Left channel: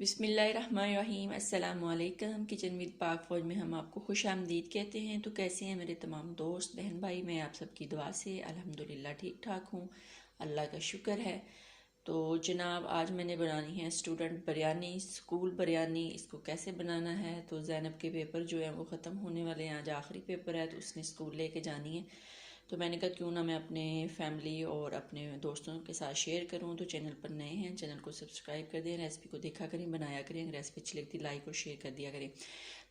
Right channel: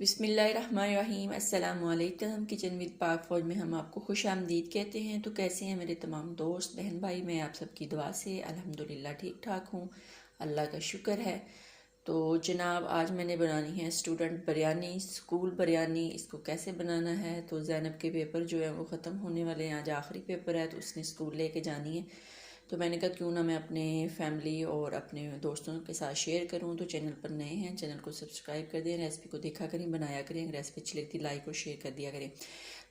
बिस्मिल्लाहिर्रहमानिर्रहीम। अस्सलामुअलैकुम। Kitchen with पाक फौज में हम आपको खुश आमदीद कहते हैं। तो कैसे हैं मेरे तमाम दोस्त बहन भाई? मैं आप सबकी दुआ से अल्हम्दुलिल्लाह ठीक ठाक हूँ, अल्लाह का शुक्र है। तो जनाब आज मैंने बनानी है स्टूडेंट बिरयानी, स्कूल बिरयानी। इसको कैसे बनाना है? तो ज़ैनब के पेपर जो है वो ख़त्म होने वाले हैं, आज आखिरी पेपर है, तो उसने स्कूल लेके जानी है। तो मैंने कहा क्यों ना मैं अपने फैमिली और अपने दोस्तों के साथ शेयर करूं। तो चैनल पर नए हैं, चैनल को सब्सक्राइब कर दें, रेसिपी को देखा करें, बनाया करें। अगर रेसिपी अच्छी लगती है लाइक और शेयर कर दिया करें।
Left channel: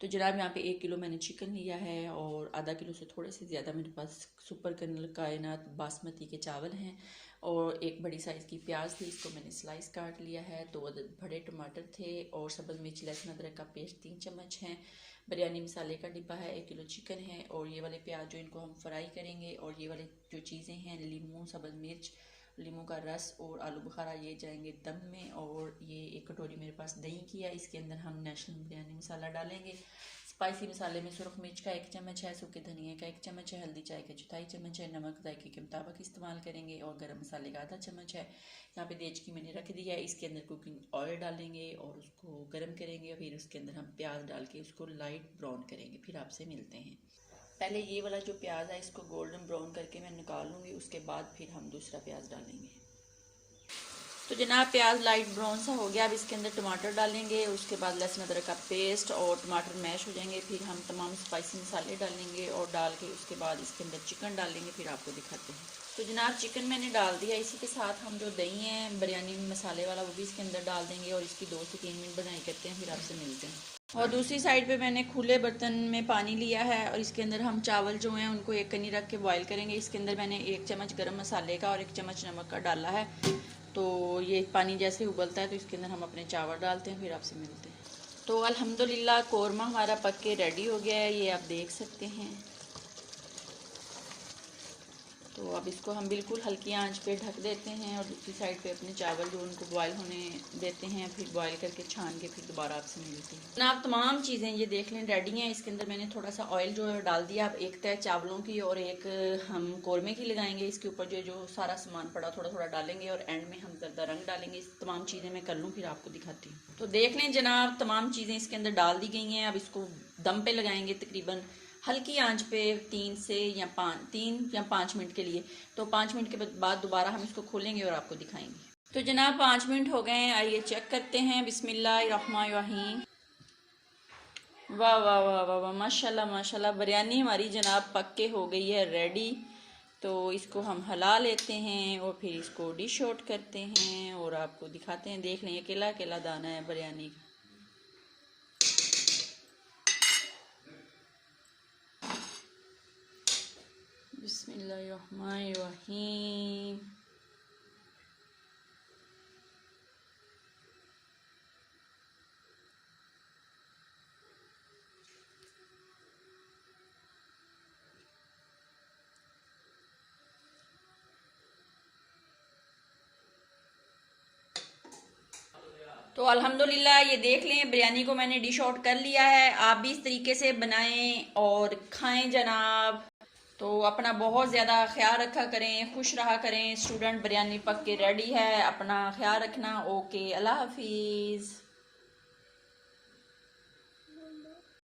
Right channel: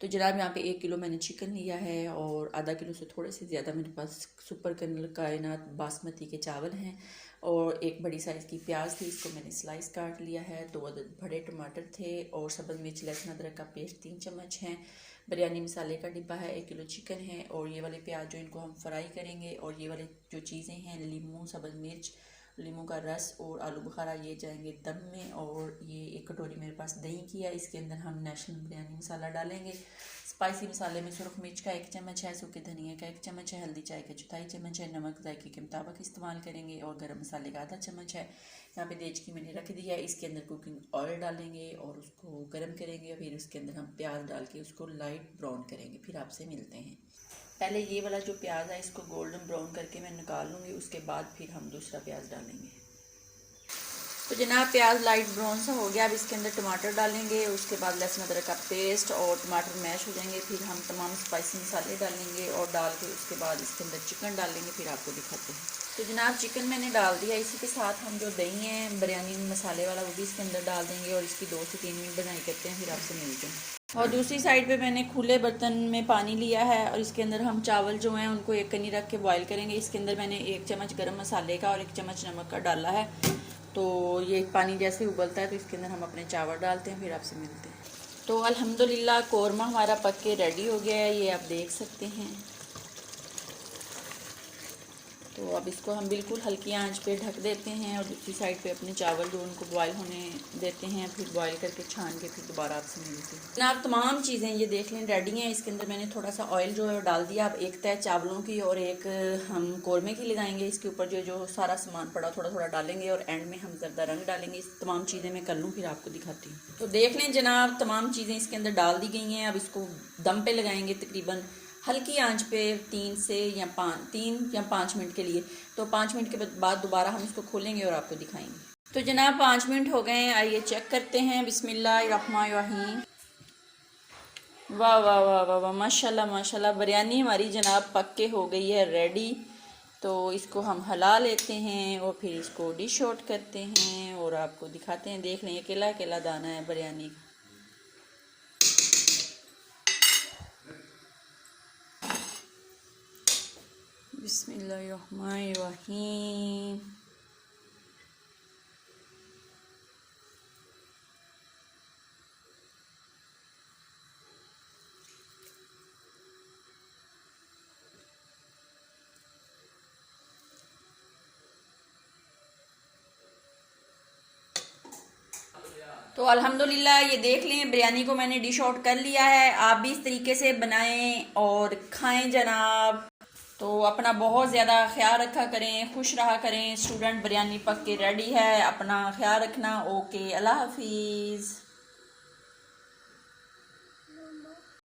तो जनाब यहाँ पे 1 किलो मैंने चिकन लिया है और आधा किलो से थोड़े से ज़्यादा मेरे पास सुपर कर्नल कायनात बासमती के चावल हैं और एक बड़ी साइज़ की प्याज थी, इसको मैंने स्लाइस काट लिया है। 2 अदद बड़े टमाटर थे और सब्ज़ मिर्च लहसुन अदरक का पेस्ट 3 चम्मच है। बिरयानी मसाले का डिब्बा है, 1 किलो चिकन है और ये वाले प्याज जो इनको हम फ्राई करेंगे। और ये वाले जो चीज़ें हैं, लीमू, सब्ज़ मिर्च, लीमू का रस और आलू बुखारा, ये जाएंगे दम में। और ये 1 कटोरी मेरे पास दही की है, इसके अंदर हम नेशनल बिरयानी मसाला डालेंगे। स्पाइसी मसाले में सुरख मिर्च का 1 चम्मच है, सूखे धनिया का 1 चम्मच है, हल्दी चाय का 1/4 चम्मच है, नमक जायके के मुताबिक इस्तेमाल करेंगे और गरम मसाले का आधा चम्मच है। यहाँ पे देचकी मैंने रख दिया है, इसके अंदर कुकिंग ऑयल डालेंगे और उसको गर्म करेंगे। फिर उसके अंदर हम प्याज डाल के उसको लाइट ब्राउन करेंगे। फिर आपसे मिलते हैं। पहले ये वाला जो प्याज है इसको गोल्डन ब्राउन करके मैं निकाल लूँगी, उसके बाद फिर हम दूसरा प्याज डालेंगे। तो जनाब प्याज लाइट ब्राउन सा हो गया। अब इसके अंदर टमाटर डालेंगे, उसके बाद लहसुन अदरक का पेस्ट और टमाटर मैश हो जाएंगे। फिर हम तमाम स्पाइसी मसाले डालेंगे और डाल के उसके बाद इसके अंदर चिकन डालेंगे। फिर आपको दिखाते हैं। तो जनाब चिकन मैंने डाल दिया, इसी के साथ हम जो दही है बिरयानी मसाले वाला वो भी इसके अंदर डाल देंगे और इसकी 2 से 3 मिनट बनाई करते हैं। फिर आपसे मिलते हैं। और दूसरी साइड पे मैंने खुले बर्तन में पानी लिया है और इसके अंदर हम चावल जो हैं उनको एक कनी रख के बॉईल करेंगे। इसके अंदर मैंने 1 चम्मच गरम मसाले का और 1 चम्मच नमक का डाला है। तो ये पानी जैसे उबलता है तो इसके अंदर हम अपने चावल डालते हैं। फिर आपसे मिलते हैं। तो अल्हम्दुलिल्लाह कौरमा हमारा पक के रेडी हो गया है, ये आप देख सकते हैं। तो अब इसको हम बिल्कुल हल्की आंच पे ढक देते हैं और दूसरी साइड पे अपने चावल जो उनको बॉईल होने देते हैं। फिर बॉईल करके छान के फिर दोबारा आपसे मिलते हैं। आप तमाम चीज़ें ये देख लें रेडी हैं। इसके अंदर मैंने थोड़ा सा ऑयल जो है डाल दिया। अब एक तय चावलों की और एक हम कौरमे की लगाएंगे। इसके ऊपर जो जो सारा सामान पड़ा थोड़ा थोड़ा डालेंगे और एंड में हम ज़रदा रंग डालेंगे। इस तमाम चीज़ें मैं कर लूँ फिर आपको दिखाती हूँ। तो देख लें जनाब तमाम चीज़ें इसके अंदर डाल दी गई हैं। अब इसको दम पे लगाएंगे तकरीबन हल्की आंच पे 3 या 5 मिनट के लिए। तो 5 मिनट के बाद दोबारा हम इसको खोलेंगे और आपको दिखाएंगे। तो जनाब 5 मिनट हो गए हैं, आइए चेक करते हैं। बिस्मिल्लाहिर्रहमानिर्रहीम। वाह वाह वाह वाह वाह, माशाल्लाह माशाल्लाह, बिरयानी हमारी जनाब पक के हो गई है रेडी। तो इसको हम हिला लेते हैं और फिर इसको डिश आउट करते हैं और आपको दिखाते हैं। देख लें अकेला अकेला दाना है बिरयानी का। बिस्मिल्लाहिर्रहमानिर्रहीम। तो अल्हम्दुलिल्लाह ये देख लें बिरयानी को मैंने डिश आउट कर लिया है। आप भी इस तरीके से बनाएं और खाएं जनाब। तो अपना बहुत ज़्यादा ख्याल रखा करें, खुश रहा करें। स्टूडेंट बिरयानी पक के रेडी है, अपना ख्याल रखना। ओके, अल्लाह हाफिज़।